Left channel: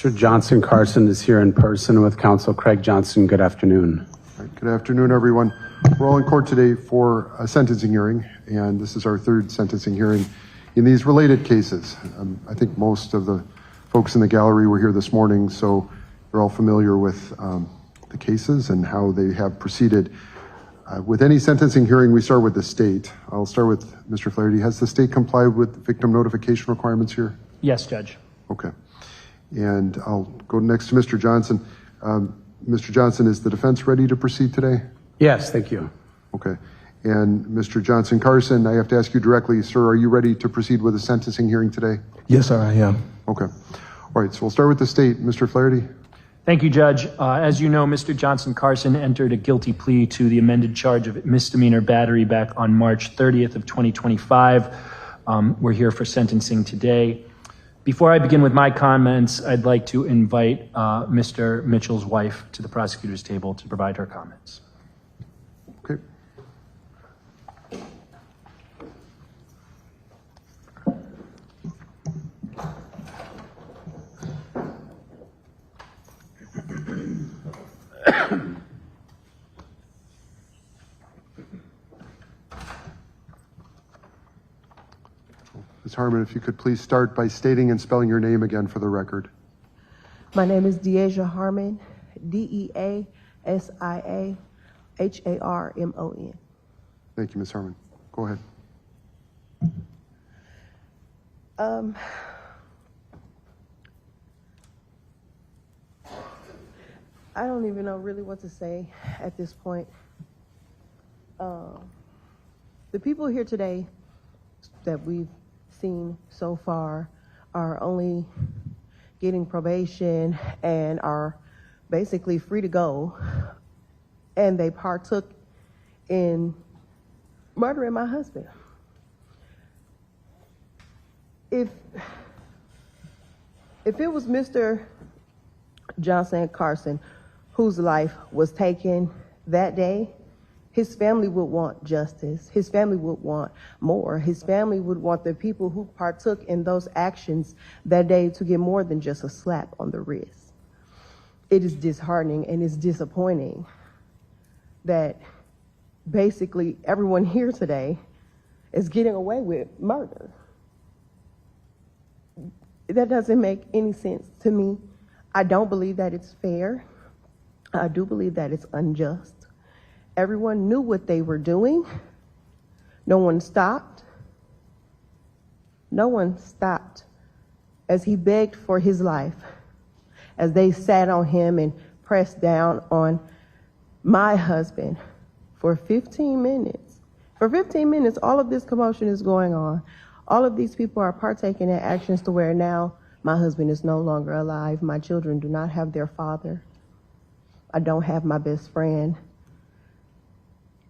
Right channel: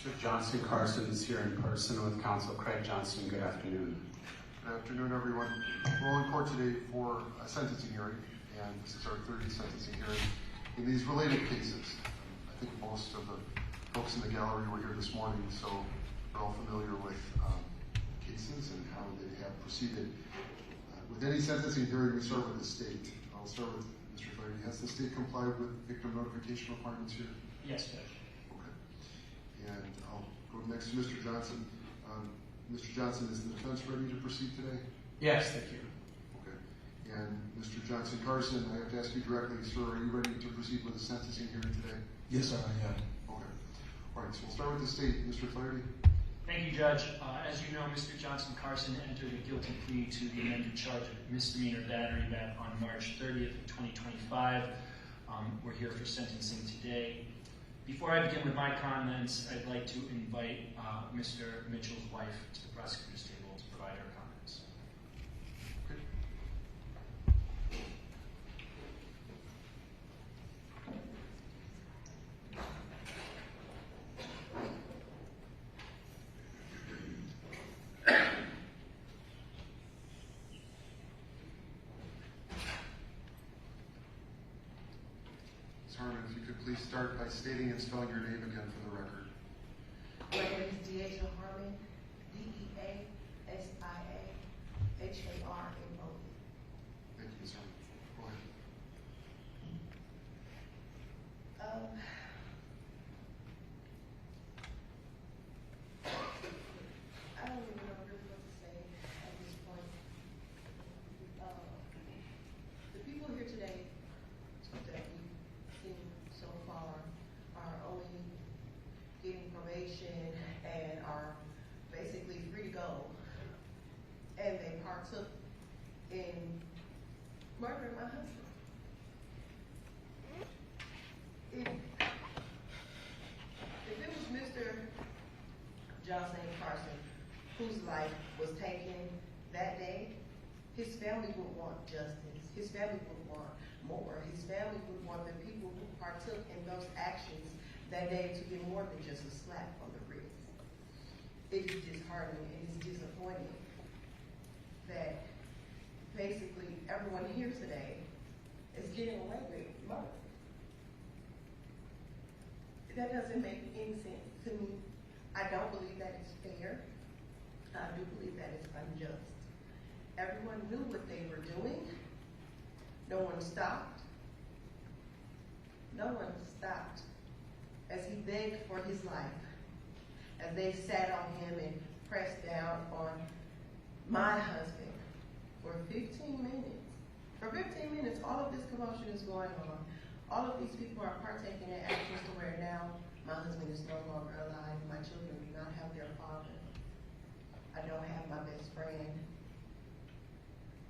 Mr. Johnson-Carson is here in person with counsel Craig Johnson. Good afternoon. Good afternoon, everyone. We're all in court today for a sentencing hearing, and this is our third sentencing hearing in these related cases. I think most of the folks in the gallery were here this morning, so they're all familiar with the cases and how they have proceeded. With any sentencing hearing, we start with the state. I'll start with Mr. Flaherty. Has the state complied with victim notification requirements here? Yes, Judge. Okay. And I'll go next to Mr. Johnson. Mr. Johnson, is the defense ready to proceed today? Yes, thank you. Okay. And Mr. Johnson-Carson, I have to ask you directly, sir, are you ready to proceed with a sentencing hearing today? Yes, sir, I am. Okay. All right, so we'll start with the state. Mr. Flaherty? Thank you, Judge. As you know, Mr. Johnson-Carson entered a guilty plea to the amended charge of misdemeanor battery back on March 30th of 2025. We're here for sentencing today. Before I begin with my comments, I'd like to invite Mr. Mitchell's wife to the prosecutor's table to provide her comments. Okay. Ms. Harmon, if you could please start by stating and spelling your name again for the record. My name is Deasia Harmon, Deasiaharmon. Thank you, Ms. Harmon. Go ahead. I don't even know really what to say at this point. The people here today that we've seen so far are only getting probation and are basically free to go, and they partook in murdering my husband. If it was Mr. Johnson-Carson whose life was taken that day, his family would want justice. His family would want more. His family would want the people who partook in those actions that day to get more than just a slap on the wrist. It is disheartening and it's disappointing that basically everyone here today is getting away with murder. That doesn't make any sense to me. I don't believe that it's fair. I do believe that it's unjust. Everyone knew what they were doing. No one stopped. No one stopped as he begged for his life, as they sat on him and pressed down on my husband for 15 minutes. For 15 minutes, all of this commotion is going on. All of these people are partaking in actions to where now my husband is no longer alive. My children do not have their father. I don't have my best friend.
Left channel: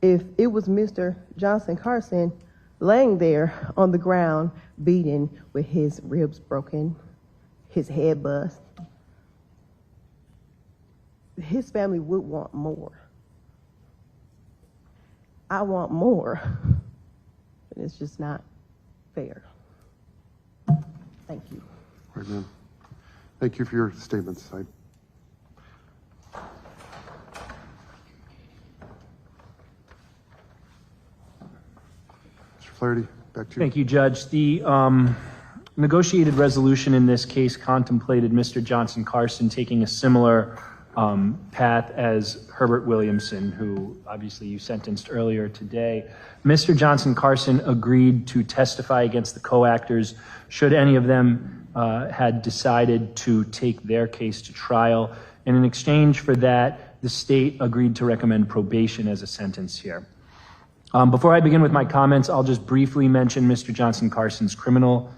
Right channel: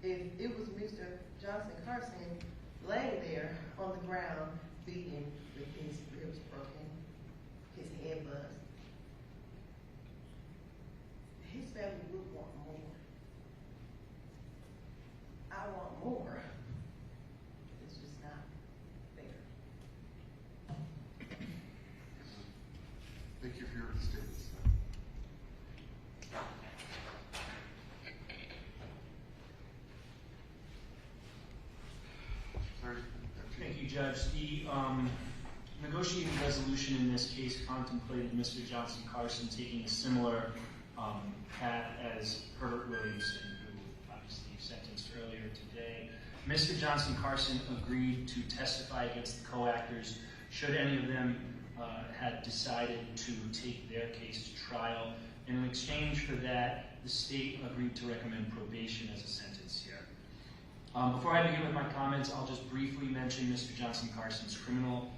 If it was Mr. Johnson-Carson laying there on the ground, beaten with his ribs broken, his head bust, his family would want more. I want more. And it's just not fair. Thank you. Right, ma'am. Thank you for your statements. Flaherty, back to you. Thank you, Judge. The negotiated resolution in this case contemplated Mr. Johnson-Carson taking a similar path as Herbert Williamson, who obviously you sentenced earlier today. Mr. Johnson-Carson agreed to testify against the co-actors should any of them had decided to take their case to trial. And in exchange for that, the state agreed to recommend probation as a sentence here. Before I begin with my comments, I'll just briefly mention Mr. Johnson-Carson's criminal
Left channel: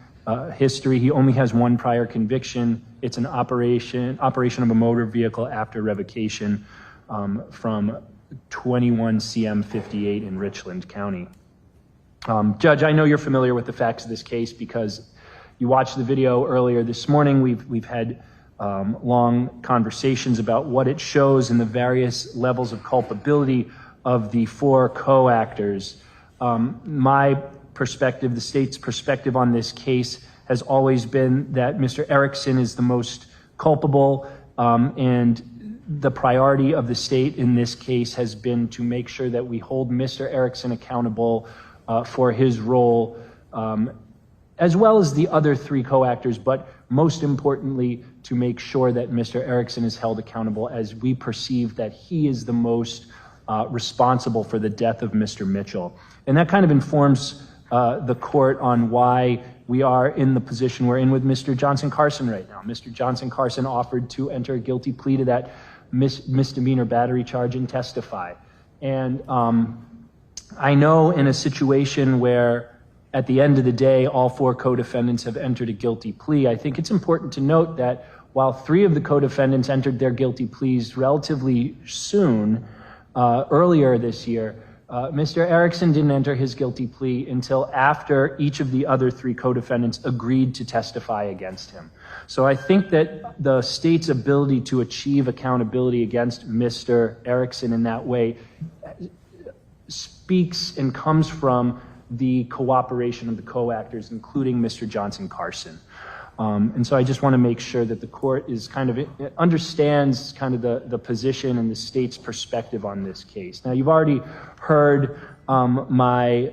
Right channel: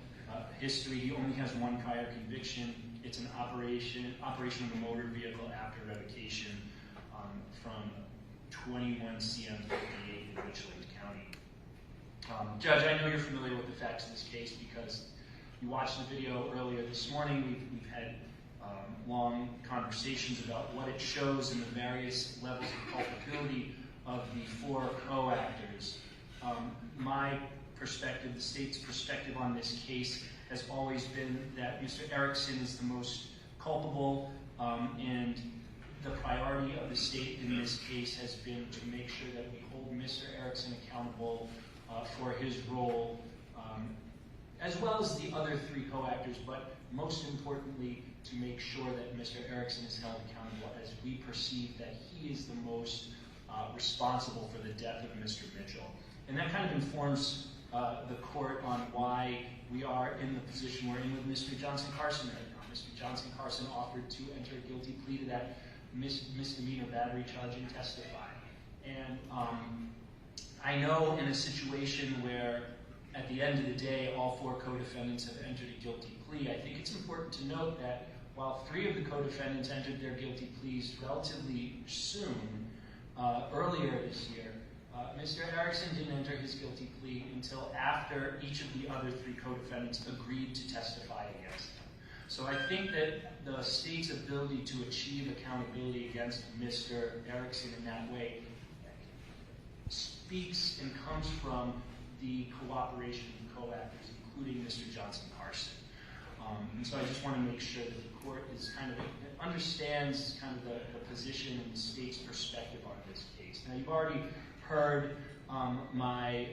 history. He only has one prior conviction. It's an operation of a motor vehicle after revocation from 21 CM 58 in Richland County. Judge, I know you're familiar with the facts of this case because you watched the video earlier this morning. We've had long conversations about what it shows in the various levels of culpability of the four co-actors. My perspective, the state's perspective on this case has always been that Mr. Erickson is the most culpable, and the priority of the state in this case has been to make sure that we hold Mr. Erickson accountable for his role, as well as the other three co-actors, but most importantly, to make sure that Mr. Erickson is held accountable, as we perceive that he is the most responsible for the death of Mr. Mitchell. And that kind of informs the court on why we are in the position we're in with Mr. Johnson-Carson right now. Mr. Johnson-Carson offered to enter a guilty plea to that misdemeanor battery charge and testify. And I know in a situation where at the end of the day, all four co-defendants have entered a guilty plea, I think it's important to note that while three of the co-defendants entered their guilty pleas relatively soon, earlier this year, Mr. Erickson didn't enter his guilty plea until after each of the other three co-defendants agreed to testify against him. So I think that the state's ability to achieve accountability against Mr. Erickson in that way speaks and comes from the cooperation of the co-actors, including Mr. Johnson-Carson. And so I just want to make sure that the court is understands the position and the state's perspective on this case. Now, you've already heard my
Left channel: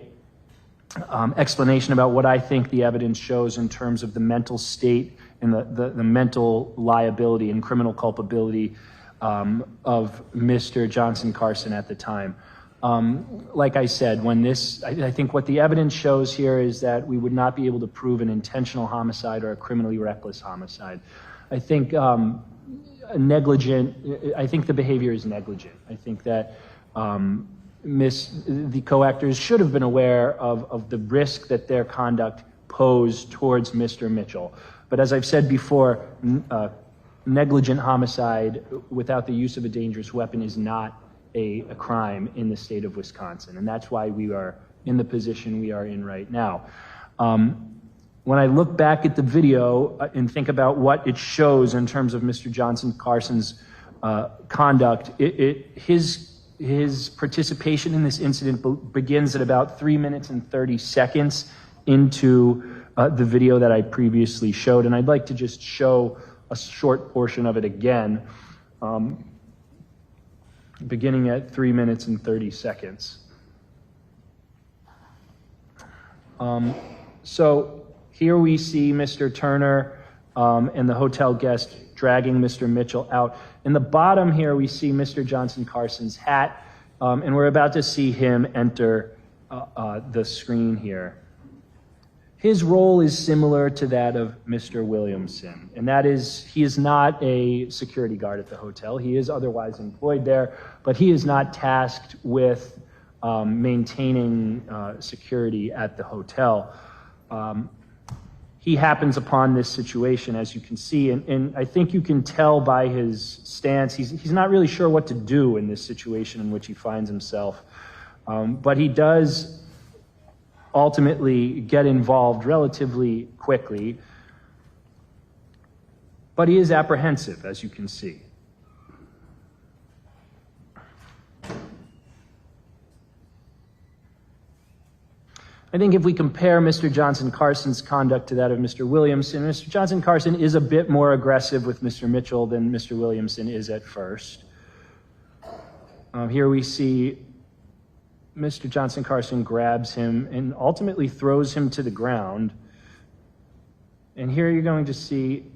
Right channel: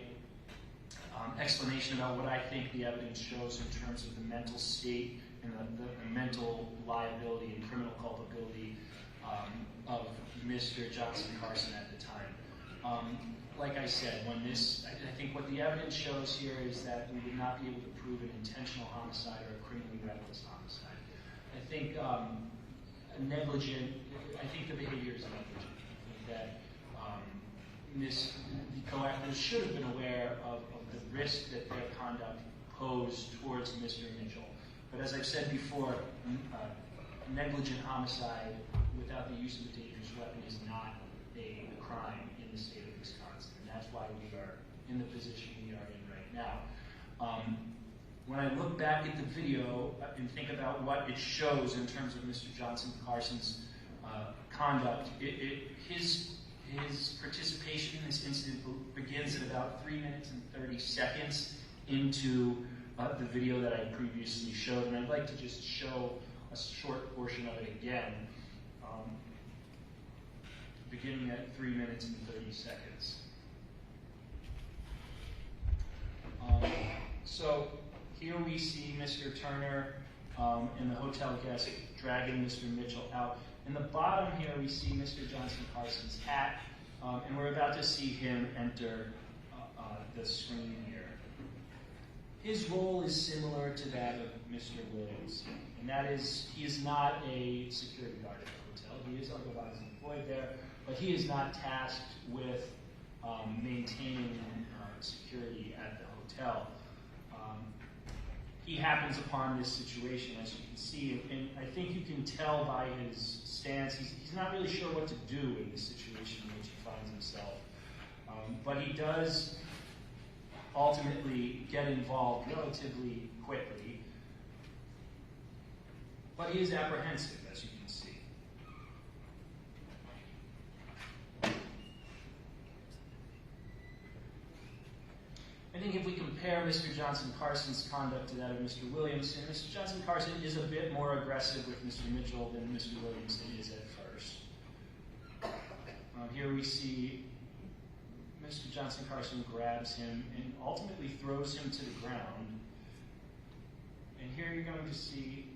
explanation about what I think the evidence shows in terms of the mental state and the mental liability and criminal culpability of Mr. Johnson-Carson at the time. Like I said, I think what the evidence shows here is that we would not be able to prove an intentional homicide or a criminally reckless homicide. I think I think the behavior is negligent. I think that the co-actors should have been aware of the risk that their conduct posed towards Mr. Mitchell. But as I've said before, negligent homicide without the use of a dangerous weapon is not a crime in the state of Wisconsin, and that's why we are in the position we are in right now. When I look back at the video and think about what it shows in terms of Mr. Johnson-Carson's conduct, his participation in this incident begins at about 3 minutes and 30 seconds into the video that I previously showed, and I'd like to just show a short portion of it again. Beginning at 3 minutes and 30 seconds. So here we see Mr. Turner and the hotel guest dragging Mr. Mitchell out. In the bottom here, we see Mr. Johnson-Carson's hat, and we're about to see him enter the screen here. His role is similar to that of Mr. Williamson, and that is he is not a security guard at the hotel. He is otherwise employed there, but he is not tasked with maintaining security at the hotel. He happens upon this situation, as you can see, and I think you can tell by his stance, he's not really sure what to do in this situation in which he finds himself. But he does ultimately get involved relatively quickly, but he is apprehensive, as you can see. I think if we compare Mr. Johnson-Carson's conduct to that of Mr. Williamson, Mr. Johnson-Carson is a bit more aggressive with Mr. Mitchell than Mr. Williamson is at first. Here we see Mr. Johnson-Carson grabs him and ultimately throws him to the ground. And here you're going to see,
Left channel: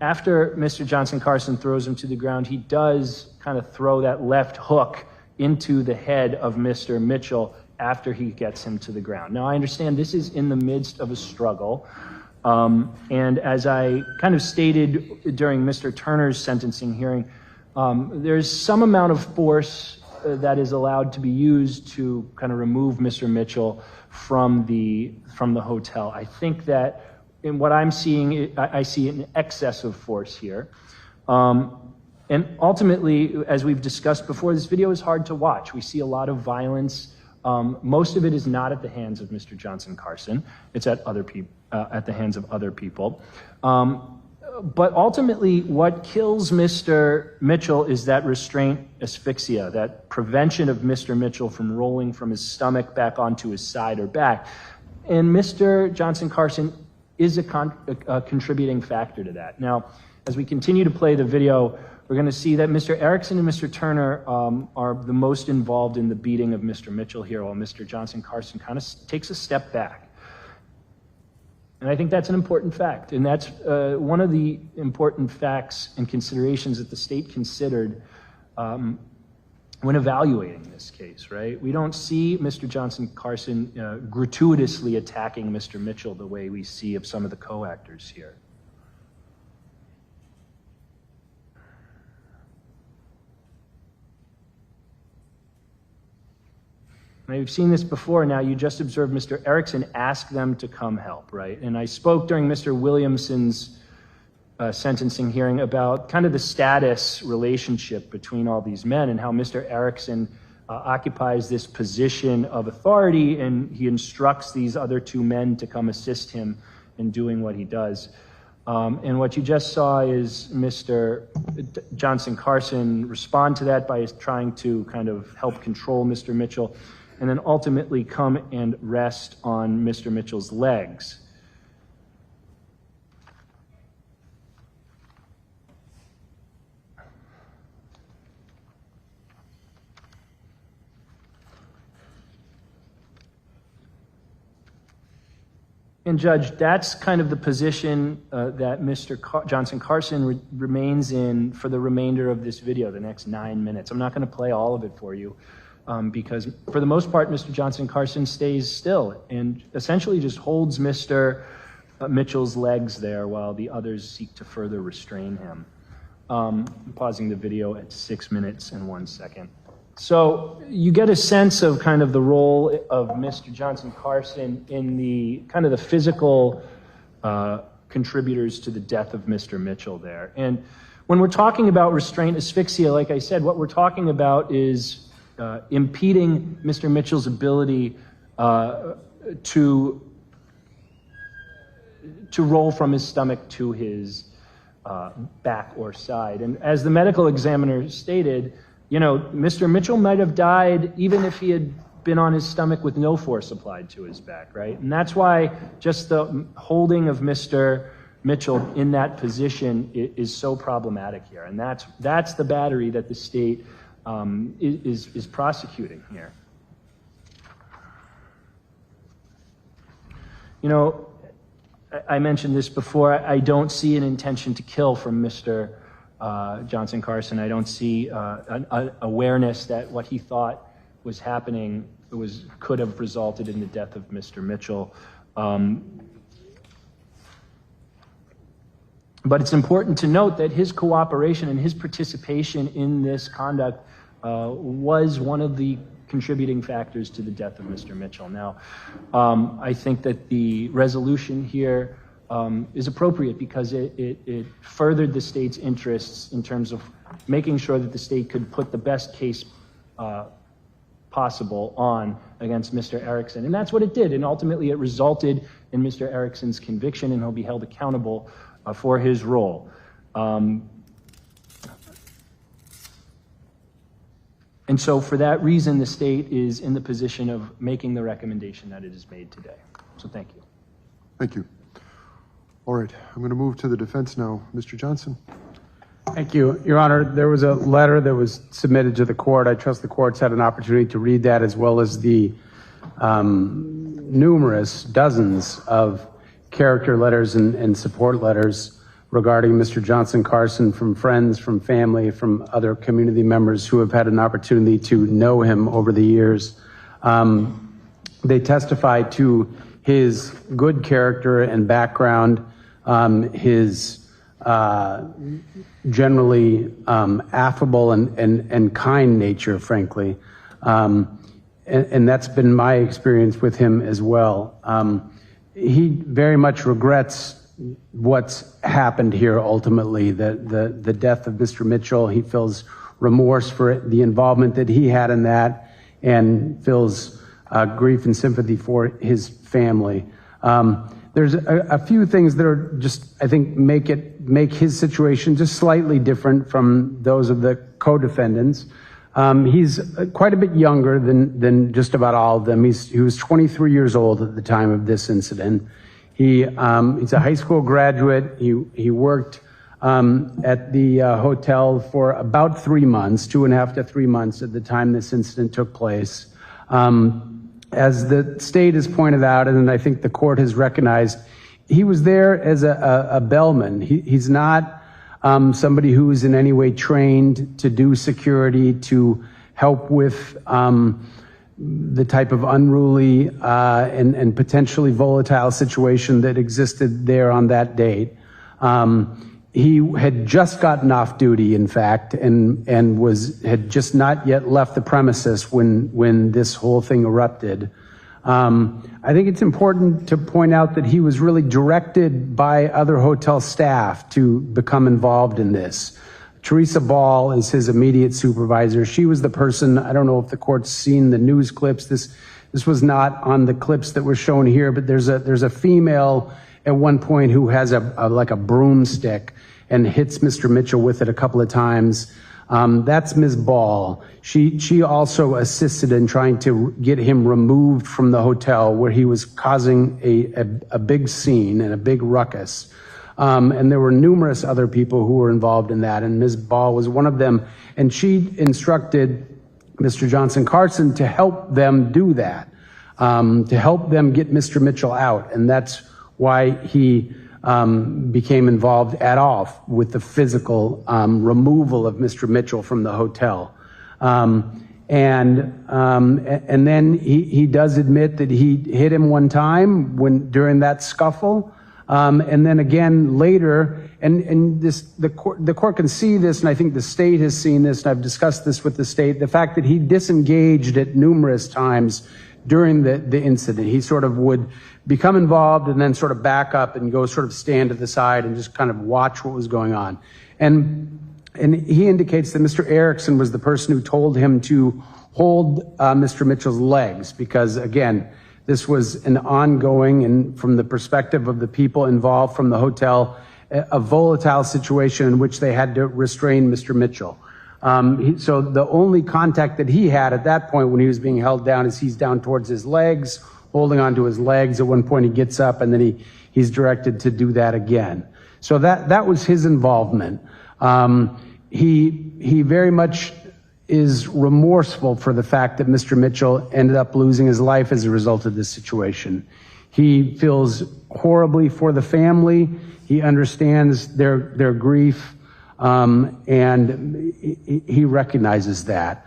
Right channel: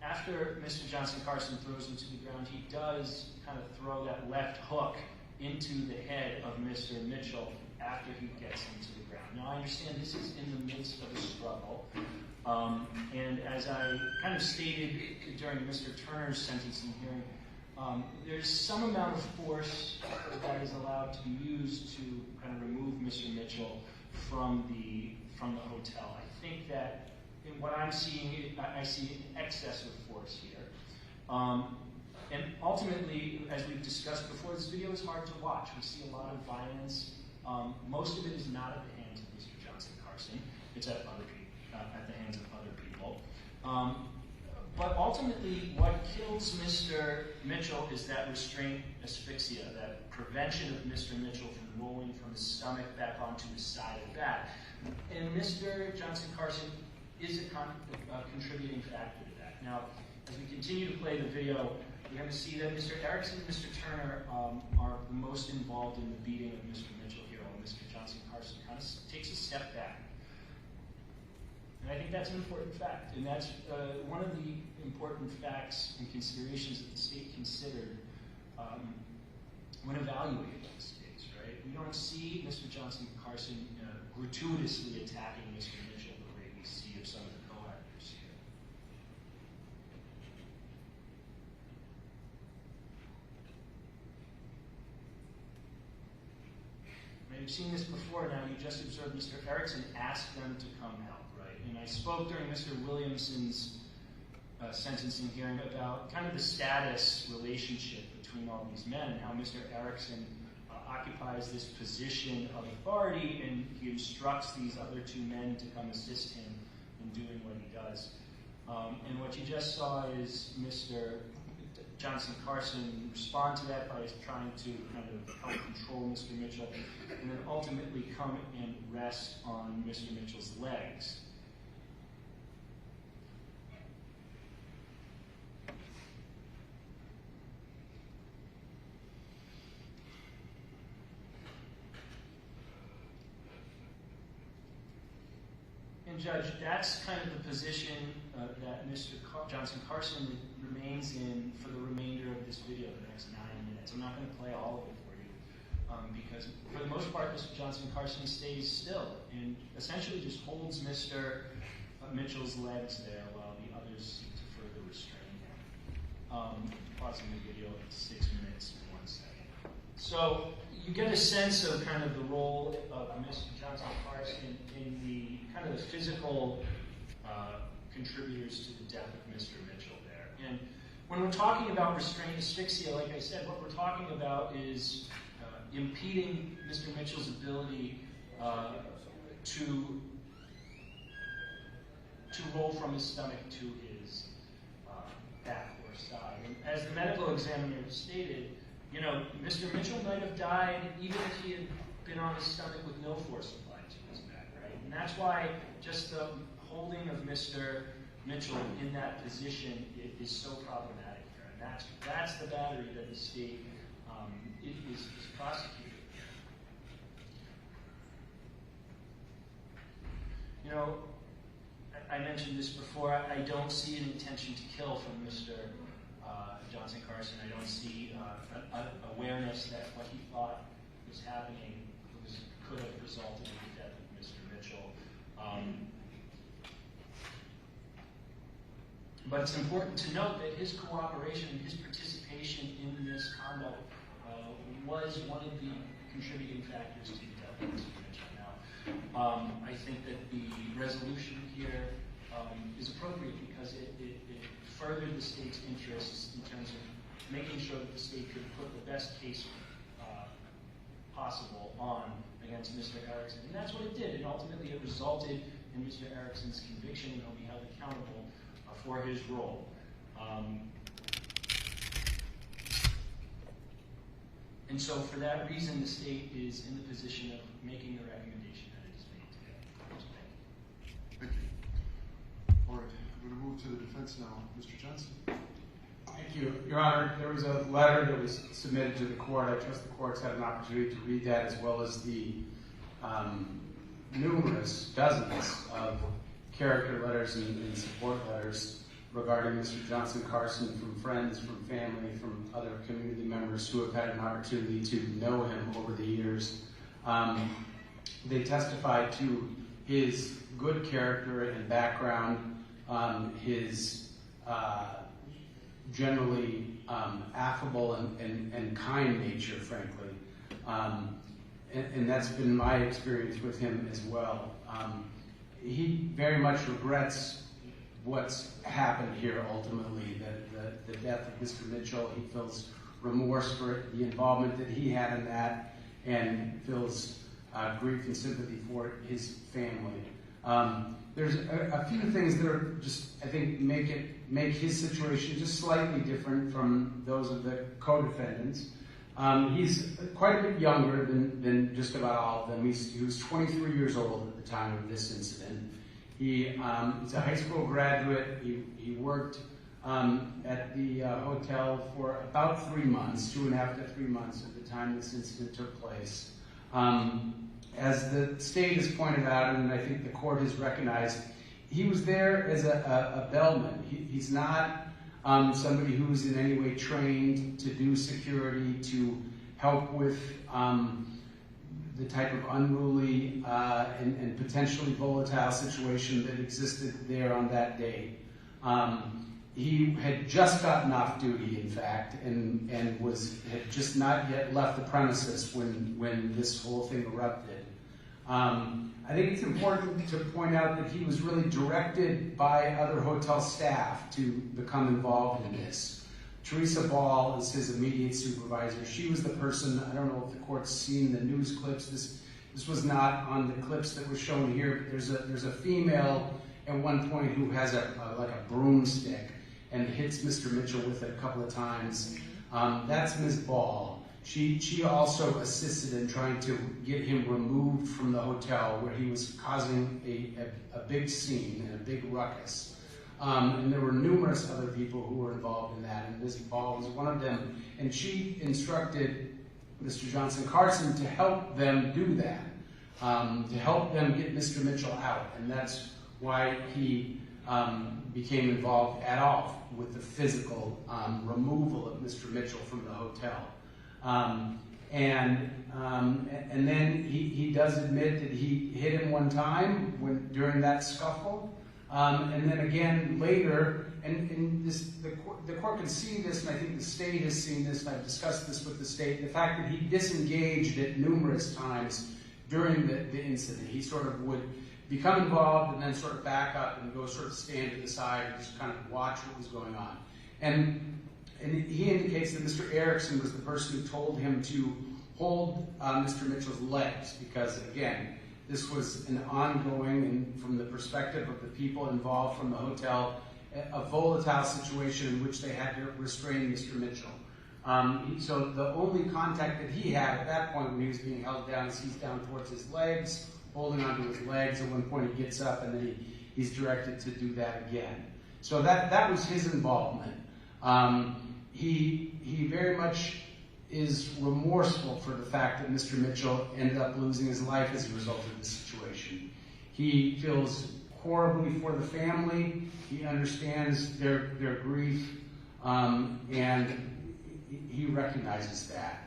after Mr. Johnson-Carson throws him to the ground, he does kind of throw that left hook into the head of Mr. Mitchell after he gets him to the ground. Now, I understand this is in the midst of a struggle. And as I kind of stated during Mr. Turner's sentencing hearing, there's some amount of force that is allowed to be used to kind of remove Mr. Mitchell from the hotel. I think that in what I'm seeing, I see an excess of force here. And ultimately, as we've discussed before, this video is hard to watch. We see a lot of violence. Most of it is not at the hands of Mr. Johnson-Carson. It's at the hands of other people. But ultimately, what kills Mr. Mitchell is that restraint asphyxia, that prevention of Mr. Mitchell from rolling from his stomach back onto his side or back. And Mr. Johnson-Carson is a contributing factor to that. Now, as we continue to play the video, we're going to see that Mr. Erickson and Mr. Turner are the most involved in the beating of Mr. Mitchell here, while Mr. Johnson-Carson kind of takes a step back. And I think that's an important fact, and that's one of the important facts and considerations that the state considered when evaluating this case, right? We don't see Mr. Johnson-Carson gratuitously attacking Mr. Mitchell the way we see of some of the co-actors here. Now, you've seen this before. Now, you just observed Mr. Erickson ask them to come help, right? And I spoke during Mr. Williamson's sentencing hearing about kind of the status relationship between all these men and how Mr. Erickson occupies this position of authority, and he instructs these other two men to come assist him in doing what he does. And what you just saw is Mr. Johnson-Carson respond to that by trying to kind of help control Mr. Mitchell, and then ultimately come and rest on Mr. Mitchell's legs. And Judge, that's kind of the position that Mr. Johnson-Carson remains in for the remainder of this video, the next 9 minutes. I'm not going to play all of it for you because for the most part, Mr. Johnson-Carson stays still and essentially just holds Mr. Mitchell's legs there while the others seek to further restrain him. Pausing the video at 6 minutes and 1 second. So you get a sense of kind of the role of Mr. Johnson-Carson in the kind of the physical contributors to the death of Mr. Mitchell there. And when we're talking about restraint asphyxia, like I said, what we're talking about is impeding Mr. Mitchell's ability to roll from his stomach to his back or side. And as the medical examiner stated, you know, Mr. Mitchell might have died even if he had been on his stomach with no force applied to his back, right? And that's why just the holding of Mr. Mitchell in that position is so problematic here. And that's the battery that the state is prosecuting here. You know, I mentioned this before, I don't see an intention to kill from Mr. Johnson-Carson. I don't see an awareness that what he thought was happening could have resulted in the death of Mr. Mitchell. But it's important to note that his cooperation and his participation in this conduct was one of the contributing factors to the death of Mr. Mitchell. Now, I think that the resolution here is appropriate because it furthered the state's interests in terms of making sure that the state could put the best case possible on against Mr. Erickson. And that's what it did. And ultimately it resulted in Mr. Erickson's conviction, and he'll be held accountable for his role. And so for that reason, the state is in the position of making the recommendation that it has made today. So thank you. Thank you. All right, I'm going to move to the defense now. Mr. Johnson. Thank you. Your Honor, there was a letter that was submitted to the court. I trust the court's had an opportunity to read that, as well as the numerous dozens of character letters and support letters regarding Mr. Johnson-Carson from friends, from family, from other community members who have had an opportunity to know him over the years. They testified to his good character and background, his generally affable and kind nature, frankly. And that's been my experience with him as well. He very much regrets what's happened here ultimately, the death of Mr. Mitchell. He feels remorse for the involvement that he had in that, and feels grief and sympathy for his family. There's a few things that are just, I think, make his situation just slightly different from those of the co-defendants. He's quite a bit younger than just about all of them. He was 23 years old at the time of this incident. He's a high school graduate. He worked at the hotel for about 3 months, 2.5 to 3 months at the time this incident took place. As the state has pointed out, and I think the court has recognized, he was there as a bellman. He's not somebody who's in any way trained to do security, to help with the type of unruly and potentially volatile situation that existed there on that date. He had just gotten off duty, in fact, and had just not yet left the premises when this whole thing erupted. I think it's important to point out that he was really directed by other hotel staff to become involved in this. Teresa Ball is his immediate supervisor. She was the person, I don't know if the court's seen the news clips. This was not on the clips that were shown here, but there's a female at one point who has like a broomstick and hits Mr. Mitchell with it a couple of times. That's Ms. Ball. She also assisted in trying to get him removed from the hotel where he was causing a big scene and a big ruckus. And there were numerous other people who were involved in that, and Ms. Ball was one of them. And she instructed Mr. Johnson-Carson to help them do that, to help them get Mr. Mitchell out. And that's why he became involved at all with the physical removal of Mr. Mitchell from the hotel. And then he does admit that he hit him one time during that scuffle. And then again later, and the court can see this, and I think the state has seen this, and I've discussed this with the state, the fact that he disengaged at numerous times during the incident. He sort of would become involved and then sort of back up and go sort of stand to the side and just kind of watch what was going on. And he indicates that Mr. Erickson was the person who told him to hold Mr. Mitchell's legs because, again, this was an ongoing, and from the perspective of the people involved from the hotel, a volatile situation in which they had to restrain Mr. Mitchell. So the only contact that he had at that point when he was being held down is he's down towards his legs, holding onto his legs. At one point he gets up and then he's directed to do that again. So that was his involvement. He very much is remorseful for the fact that Mr. Mitchell ended up losing his life as a result of this situation. He feels horribly for the family. He understands their grief, and he recognizes that.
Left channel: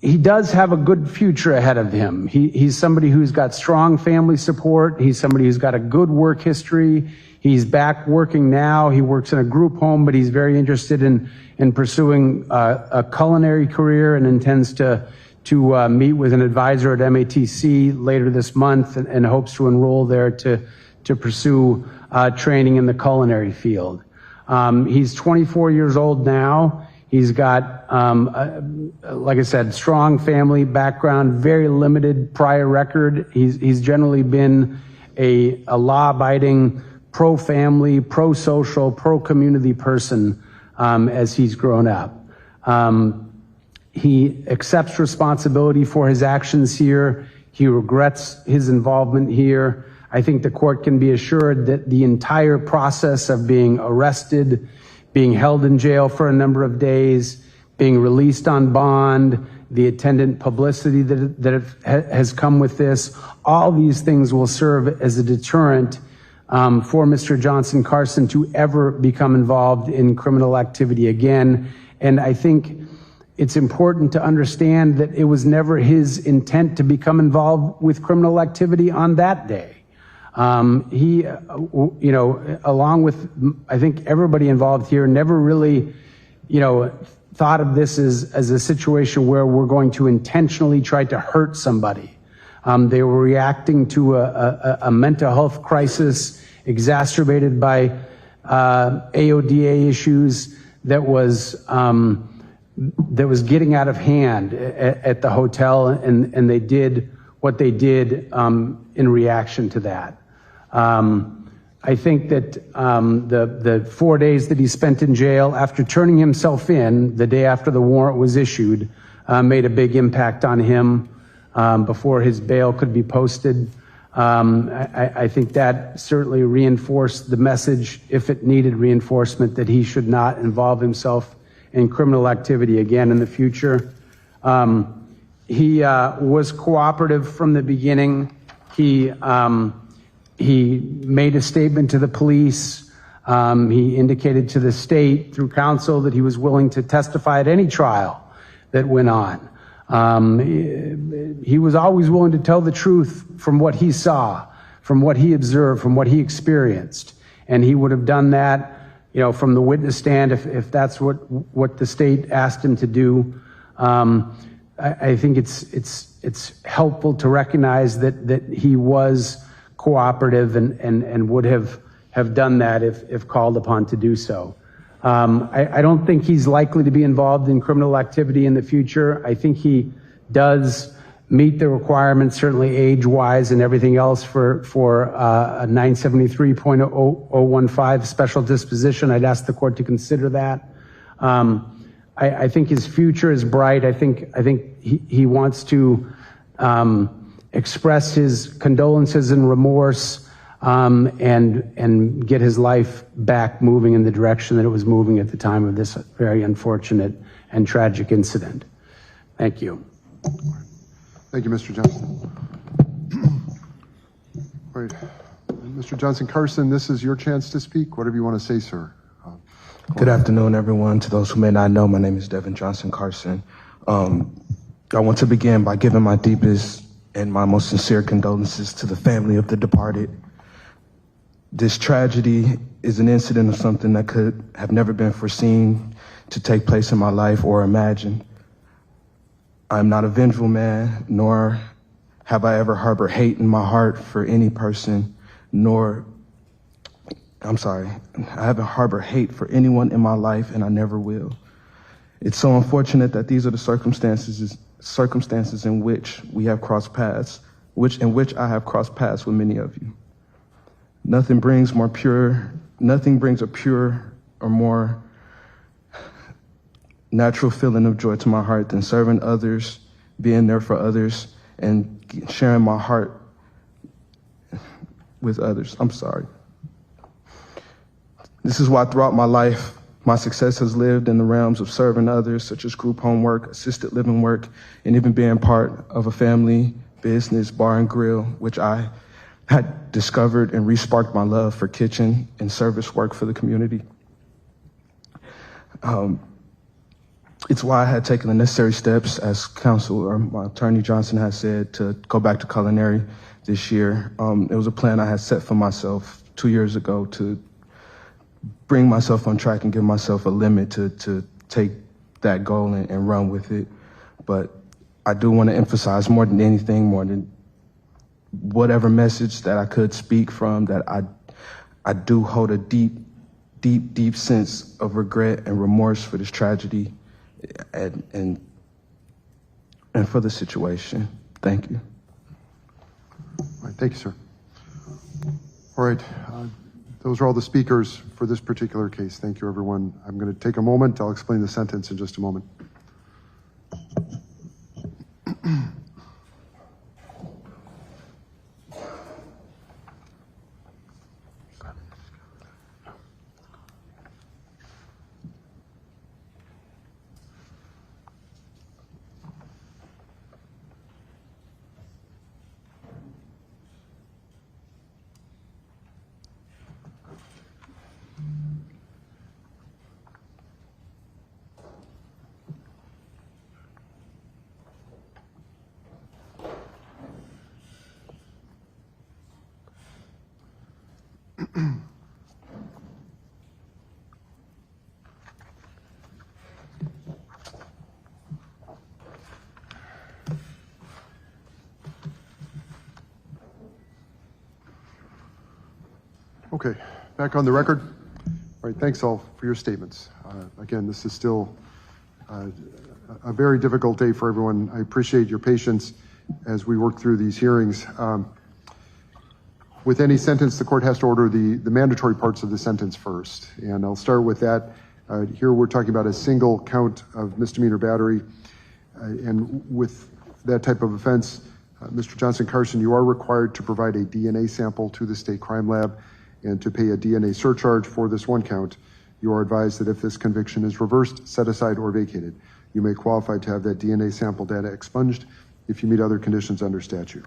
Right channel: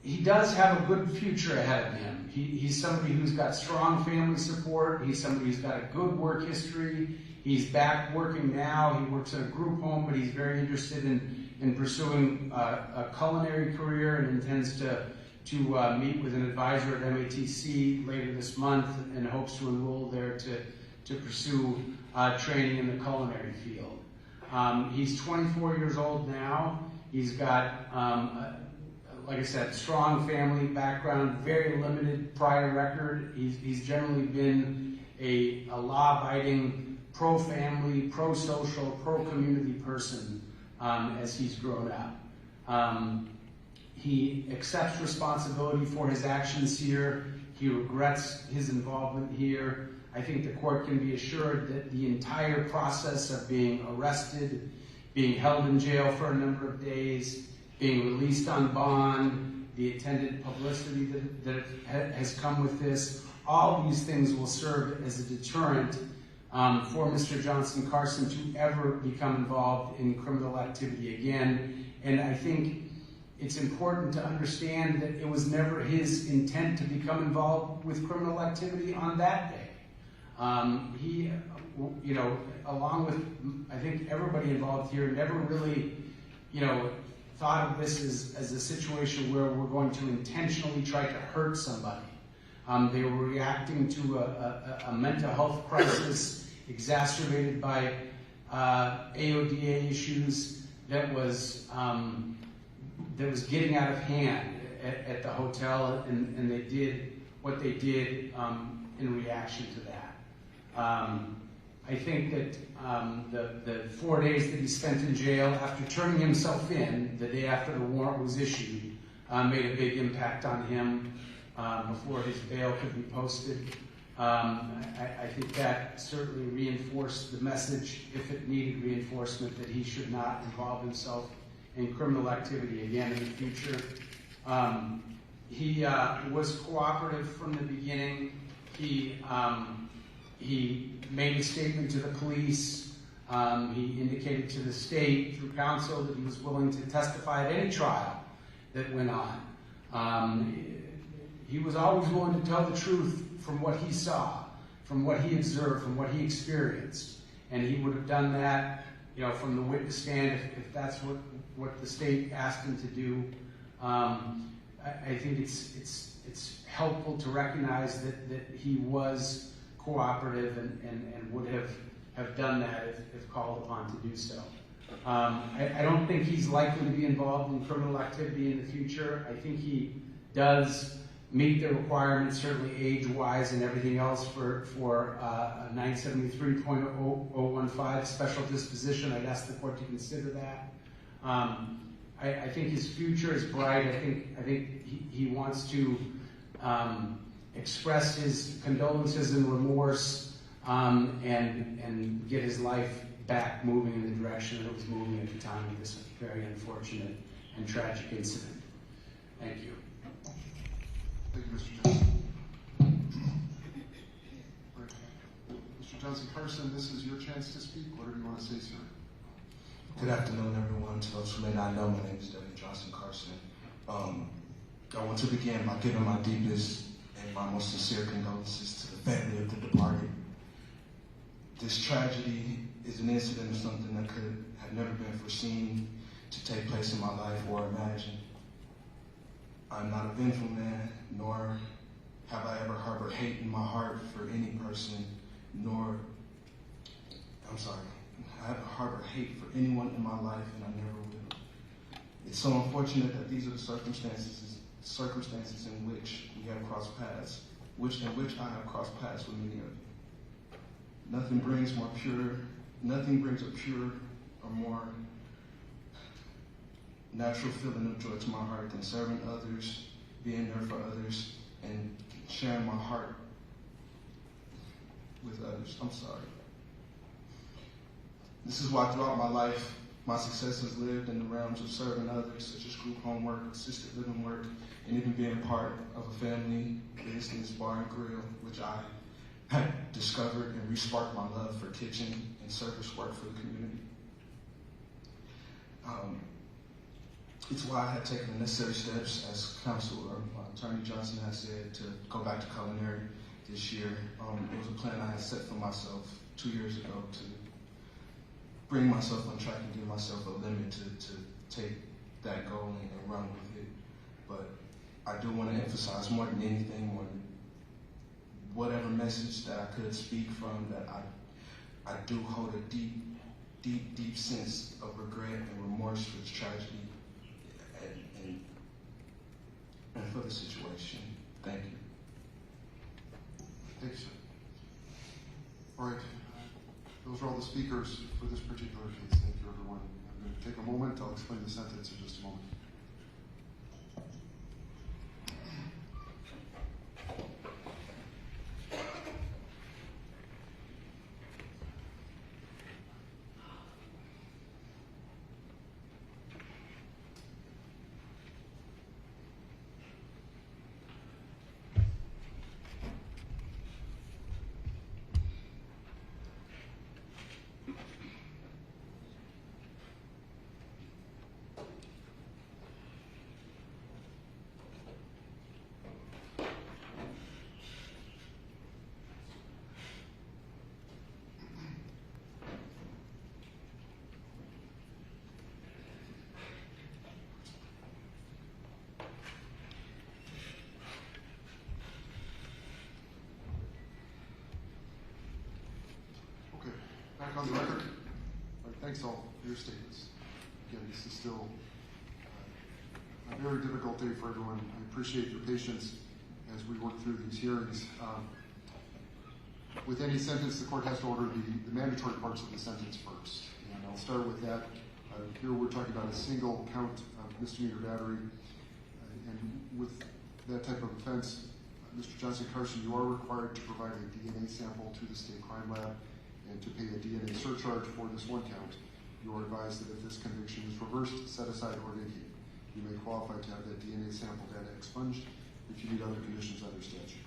He does have a good future ahead of him. He's somebody who's got strong family support. He's somebody who's got a good work history. He's back working now. He works in a group home, but he's very interested in pursuing a culinary career and intends to meet with an advisor at MATC later this month and hopes to enroll there to pursue training in the culinary field. He's 24 years old now. He's got, like I said, strong family background, very limited prior record. He's generally been a law-abiding, pro-family, pro-social, pro-community person as he's grown up. He accepts responsibility for his actions here. He regrets his involvement here. I think the court can be assured that the entire process of being arrested, being held in jail for a number of days, being released on bond, the attendant publicity that has come with this, all these things will serve as a deterrent for Mr. Johnson-Carson to ever become involved in criminal activity again. And I think it's important to understand that it was never his intent to become involved with criminal activity on that day. He, along with, I think, everybody involved here, never really, thought of this as a situation where we're going to intentionally try to hurt somebody. They were reacting to a mental health crisis exacerbated by AODA issues that was getting out of hand at the hotel, and they did what they did in reaction to that. I think that the 4 days that he spent in jail after turning himself in the day after the warrant was issued made a big impact on him before his bail could be posted. I think that certainly reinforced the message, if it needed reinforcement, that he should not involve himself in criminal activity again in the future. He was cooperative from the beginning. He made a statement to the police. He indicated to the state through counsel that he was willing to testify at any trial that went on. He was always willing to tell the truth from what he saw, from what he observed, from what he experienced. And he would have done that, you know, from the witness stand if that's what the state asked him to do. I think it's helpful to recognize that he was cooperative and would have done that if called upon to do so. I don't think he's likely to be involved in criminal activity in the future. I think he does meet the requirements, certainly age-wise and everything else for a 973.015 special disposition. I'd ask the court to consider that. I think his future is bright. I think he wants to express his condolences and remorse and get his life back moving in the direction that it was moving at the time of this very unfortunate and tragic incident. Thank you. Thank you, Mr. Johnson. All right. Mr. Johnson-Carson, this is your chance to speak. Whatever you want to say, sir. Good afternoon, everyone. To those who may not know, my name is Devin Johnson-Carson. I want to begin by giving my deepest and my most sincere condolences to the family of the departed. This tragedy is an incident of something that could have never been foreseen to take place in my life or imagined. I'm not a vengeful man, nor have I ever harbored hate in my heart for any person, I haven't harbored hate for anyone in my life, and I never will. It's so unfortunate that these are the circumstances in which we have crossed paths, in which I have crossed paths with many of you. Nothing brings a pure or more natural feeling of joy to my heart than serving others, being there for others, and sharing my heart with others. I'm sorry. This is why throughout my life, my success has lived in the realms of serving others, such as group home work, assisted living work, and even being part of a family business, bar and grill, which I had discovered and re-sparked my love for kitchen and service work for the community. It's why I had taken the necessary steps, as counsel or my attorney Johnson has said, to go back to culinary this year. It was a plan I had set for myself 2 years ago to bring myself on track and give myself a limit to take that goal and run with it. But I do want to emphasize more than anything, more than whatever message that I could speak from, that I do hold a deep, deep, deep sense of regret and remorse for this tragedy and for the situation. Thank you. All right, thank you, sir. All right, those are all the speakers for this particular case. Thank you, everyone. I'm going to take a moment. I'll explain the sentence in just a moment. Okay, back on the record. All right, thanks all for your statements. Again, this is still a very difficult day for everyone. I appreciate your patience as we work through these hearings. With any sentence, the court has to order the mandatory parts of the sentence first. And I'll start with that. Here we're talking about a single count of misdemeanor battery. And with that type of offense, Mr. Johnson-Carson, you are required to provide a DNA sample to the state crime lab and to pay a DNA surcharge for this one count. You are advised that if this conviction is reversed, set aside, or vacated, you may qualify to have that DNA sample data expunged if you meet other conditions under statute.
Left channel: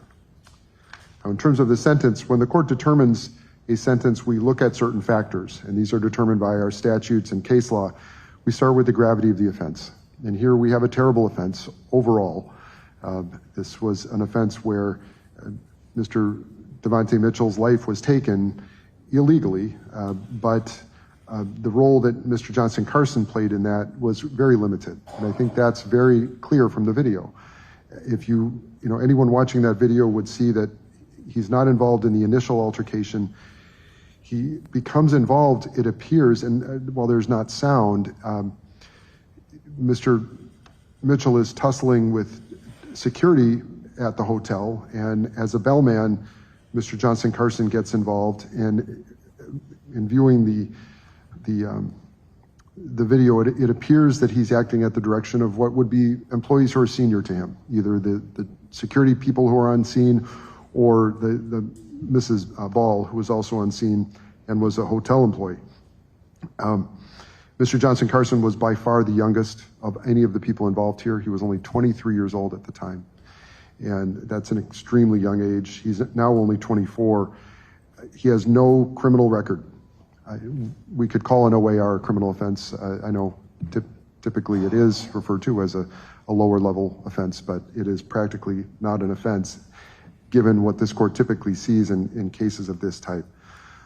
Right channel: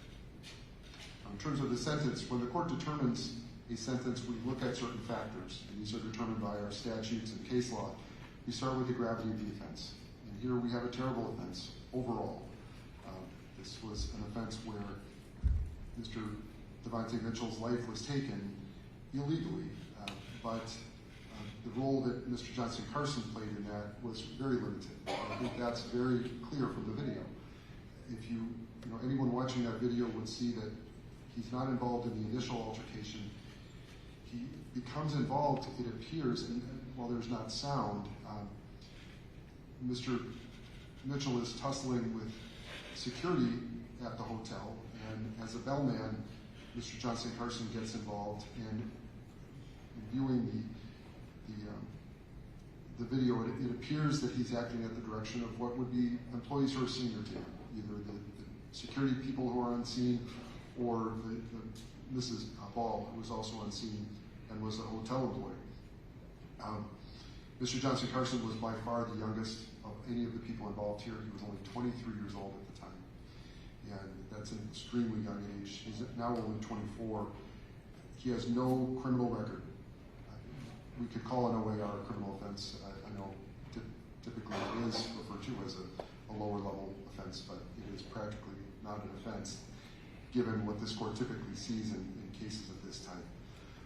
Now, in terms of the sentence, when the court determines a sentence, we look at certain factors, and these are determined by our statutes and case law. We start with the gravity of the offense. And here we have a terrible offense overall. This was an offense where Mr. Devontae Mitchell's life was taken illegally, but the role that Mr. Johnson-Carson played in that was very limited. And I think that's very clear from the video. If anyone watching that video would see that he's not involved in the initial altercation. He becomes involved, it appears, and while there's not sound, Mr. Mitchell is tussling with security at the hotel, and as a bellman, Mr. Johnson-Carson gets involved, and in viewing the video, it appears that he's acting at the direction of what would be employees who are senior to him, either the security people who are on scene or the Mrs. Ball, who was also on scene and was a hotel employee. Mr. Johnson-Carson was by far the youngest of any of the people involved here. He was only 23 years old at the time, and that's an extremely young age. He's now only 24. He has no criminal record. We could call an OAR a criminal offense. I know typically it is referred to as a lower level offense, but it is practically not an offense given what this court typically sees in cases of this type.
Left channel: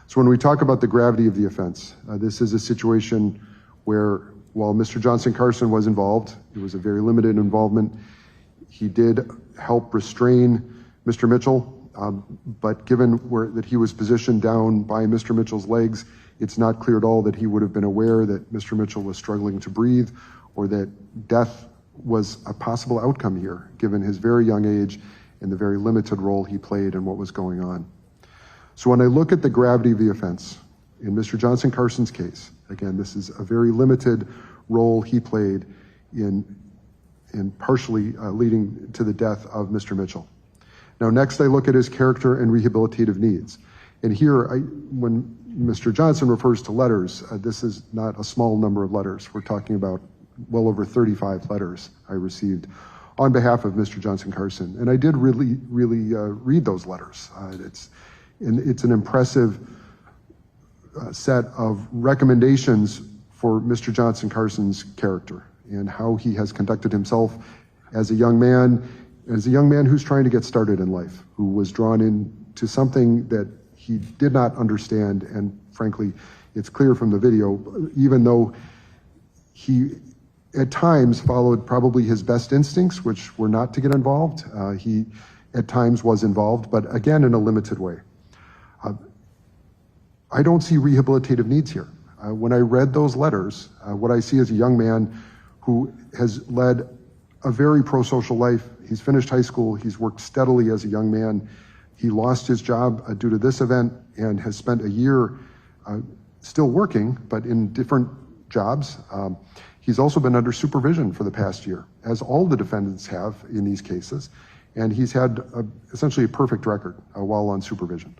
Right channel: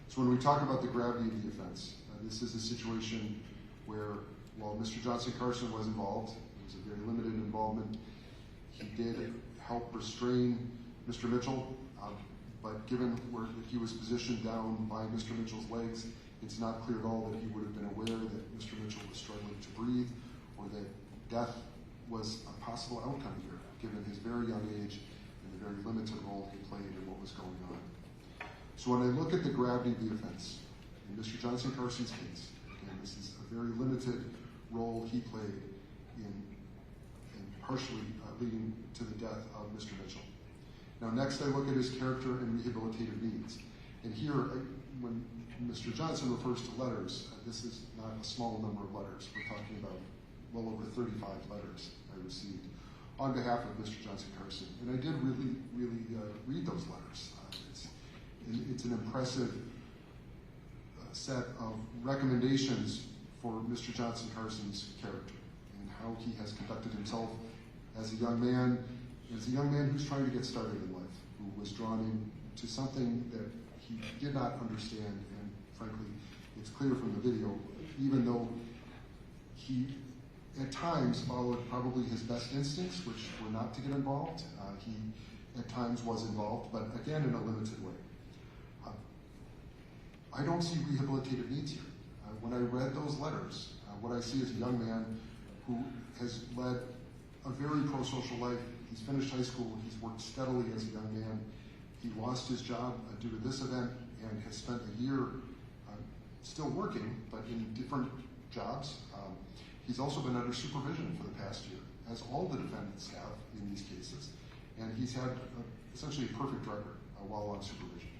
So when we talk about the gravity of the offense, this is a situation where while Mr. Johnson-Carson was involved, it was a very limited involvement. He did help restrain Mr. Mitchell, but given that he was positioned down by Mr. Mitchell's legs, it's not clear at all that he would have been aware that Mr. Mitchell was struggling to breathe or that death was a possible outcome here, given his very young age and the very limited role he played in what was going on. So when I look at the gravity of the offense, in Mr. Johnson-Carson's case, again, this is a very limited role he played in partially leading to the death of Mr. Mitchell. Now, next I look at his character and rehabilitative needs. And here, when Mr. Johnson refers to letters, this is not a small number of letters. We're talking about well over 35 letters I received on behalf of Mr. Johnson-Carson. And I did really read those letters. It's an impressive set of recommendations for Mr. Johnson-Carson's character and how he has conducted himself as a young man who's trying to get started in life, who was drawn into something that he did not understand. And frankly, it's clear from the video, even though he at times followed probably his best instincts, which were not to get involved. He at times was involved, but again, in a limited way. I don't see rehabilitative needs here. When I read those letters, what I see is a young man who has led a very pro-social life. He's finished high school. He's worked steadily as a young man. He lost his job due to this event and has spent a year still working, but in different jobs. He's also been under supervision for the past year, as all the defendants have in these cases, and he's had essentially a perfect record while on supervision.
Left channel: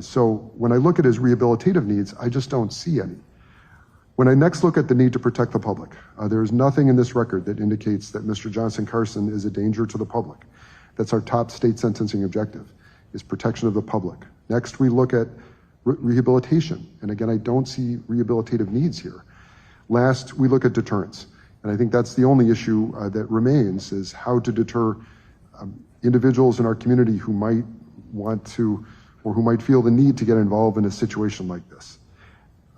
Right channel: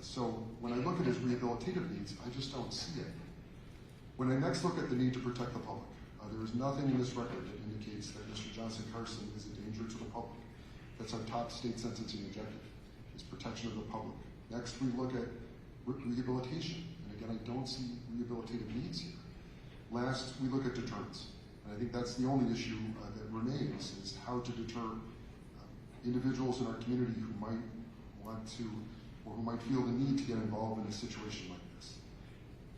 So when I look at his rehabilitative needs, I just don't see any. When I next look at the need to protect the public, there is nothing in this record that indicates that Mr. Johnson-Carson is a danger to the public. That's our top state sentencing objective, is protection of the public. Next, we look at rehabilitation, and again, I don't see rehabilitative needs here. Last, we look at deterrence, and I think that's the only issue that remains, is how to deter individuals in our community who might want to, or who might feel the need to get involved in a situation like this.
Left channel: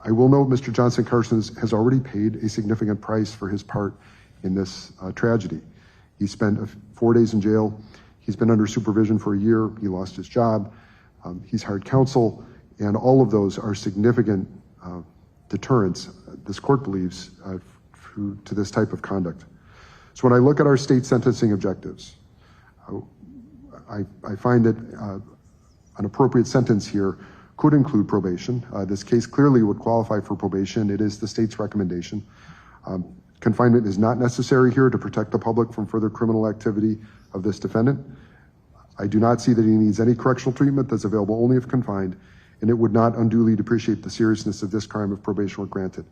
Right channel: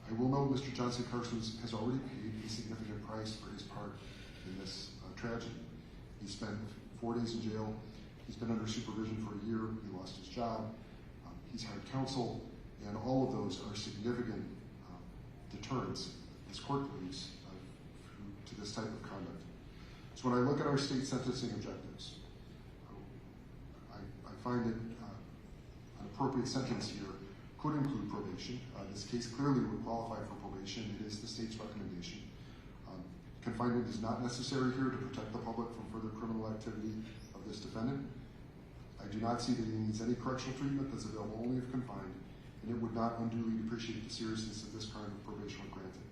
I will note Mr. Johnson-Carson has already paid a significant price for his part in this tragedy. He spent 4 days in jail. He's been under supervision for a year. He lost his job. He's hired counsel, and all of those are significant deterrents, this court believes, to this type of conduct. So when I look at our state sentencing objectives, I find that an appropriate sentence here could include probation. This case clearly would qualify for probation. It is the state's recommendation. Confinement is not necessary here to protect the public from further criminal activity of this defendant. I do not see that he needs any correctional treatment that's available only if confined, and it would not unduly depreciate the seriousness of this crime if probation were granted.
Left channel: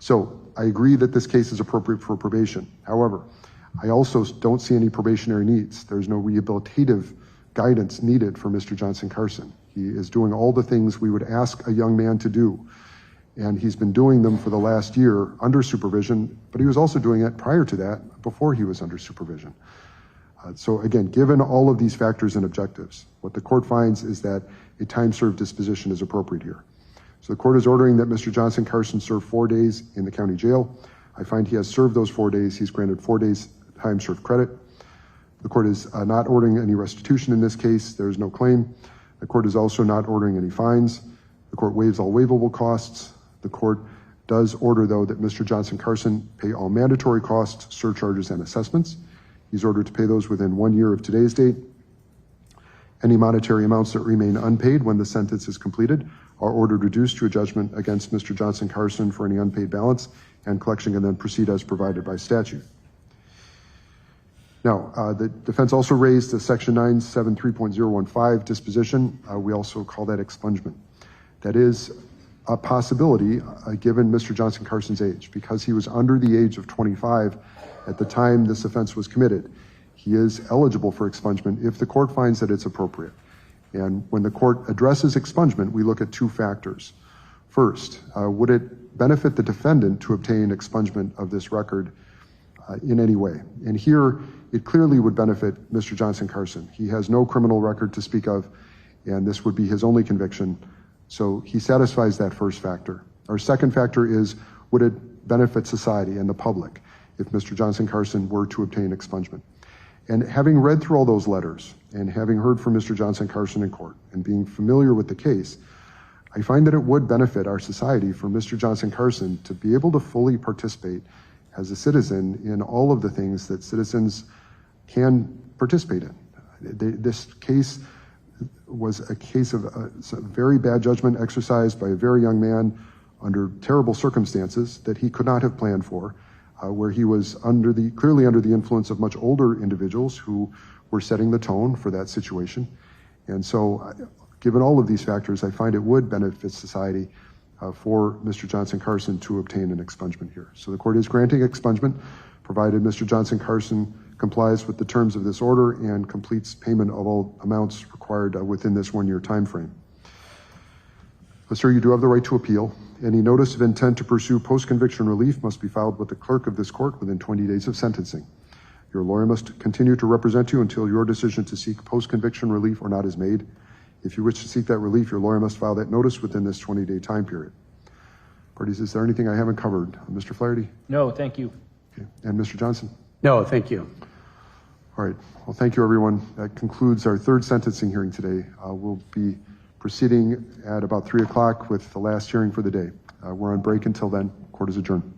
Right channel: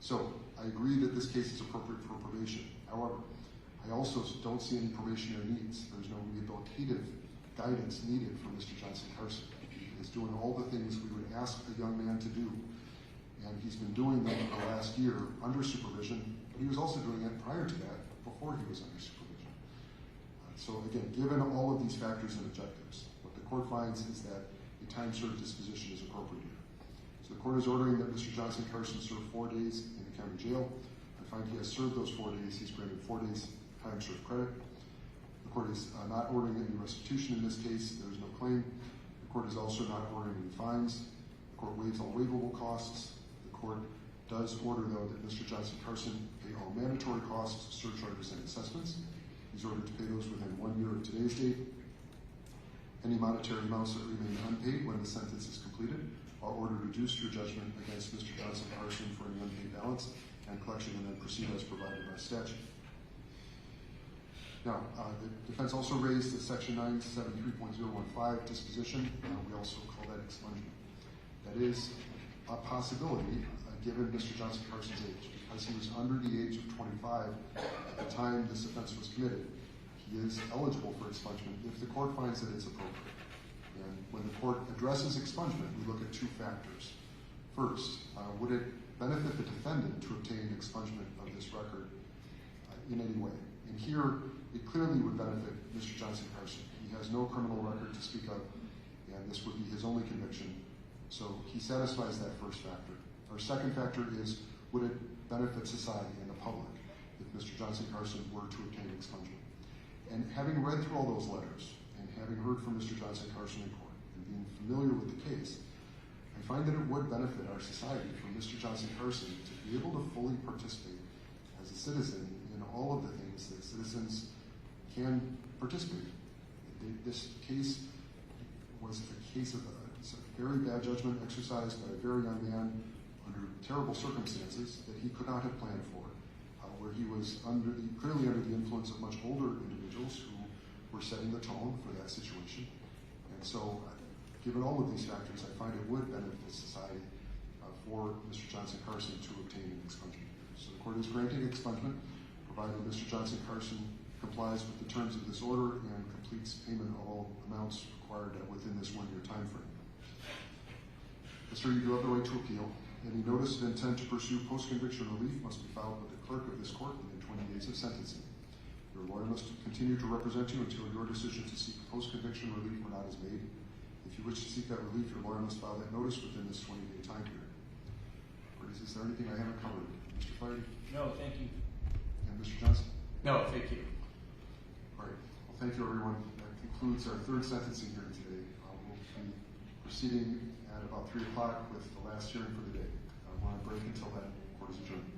So I agree that this case is appropriate for probation. However, I also don't see any probationary needs. There's no rehabilitative guidance needed for Mr. Johnson-Carson. He is doing all the things we would ask a young man to do, and he's been doing them for the last year under supervision, but he was also doing it prior to that, before he was under supervision. So again, given all of these factors and objectives, what the court finds is that a time-served disposition is appropriate here. So the court is ordering that Mr. Johnson-Carson serve 4 days in the county jail. I find he has served those 4 days. He's granted 4 days time-served credit. The court is not ordering any restitution in this case. There is no claim. The court is also not ordering any fines. The court waives all waivable costs. The court does order, though, that Mr. Johnson-Carson pay all mandatory costs, surcharges, and assessments. He's ordered to pay those within 1 year of today's date. Any monetary amounts that remain unpaid when the sentence is completed are ordered reduced to a judgment against Mr. Johnson-Carson for any unpaid balance, and collection can then proceed as provided by statute. Now, the defense also raised the Section 973.015 disposition. We also call that expungement. That is a possibility given Mr. Johnson-Carson's age. Because he was under the age of 25 at the time this offense was committed, he is eligible for expungement if the court finds that it's appropriate. And when the court addresses expungement, we look at 2 factors. First, would it benefit the defendant to obtain expungement of this record in any way? And here, it clearly would benefit Mr. Johnson-Carson. He has no criminal record to speak of, and this would be his only conviction. So he satisfies that first factor. Our second factor is, would it benefit society and the public if Mr. Johnson-Carson were to obtain expungement? And having read through all those letters and having heard from Mr. Johnson-Carson in court and being familiar with the case, I find that it would benefit our society for Mr. Johnson-Carson to be able to fully participate as a citizen in all of the things that citizens can participate in. This case was a case of a very bad judgment exercised by a very young man under terrible circumstances that he could not have planned for, where he was clearly under the influence of much older individuals who were setting the tone for that situation. And so, given all of these factors, I find it would benefit society for Mr. Johnson-Carson to obtain an expungement here. So the court is granting expungement, provided Mr. Johnson-Carson complies with the terms of this order and completes payment of all amounts required within this 1 year time frame. But sir, you do have the right to appeal. Any notice of intent to pursue post-conviction relief must be filed with the clerk of this court within 20 days of sentencing. Your lawyer must continue to represent you until your decision to seek post-conviction relief or not is made. If you wish to seek that relief, your lawyer must file that notice within this 20-day time period. Parties, is there anything I haven't covered? Mr. Flaherty? No, thank you. Okay. And Mr. Johnson? No, thank you. All right. Well, thank you, everyone. That concludes our 3rd sentencing hearing today. We'll be proceeding at about 3 o'clock with the last hearing for the day. We're on break until then. Court is adjourned.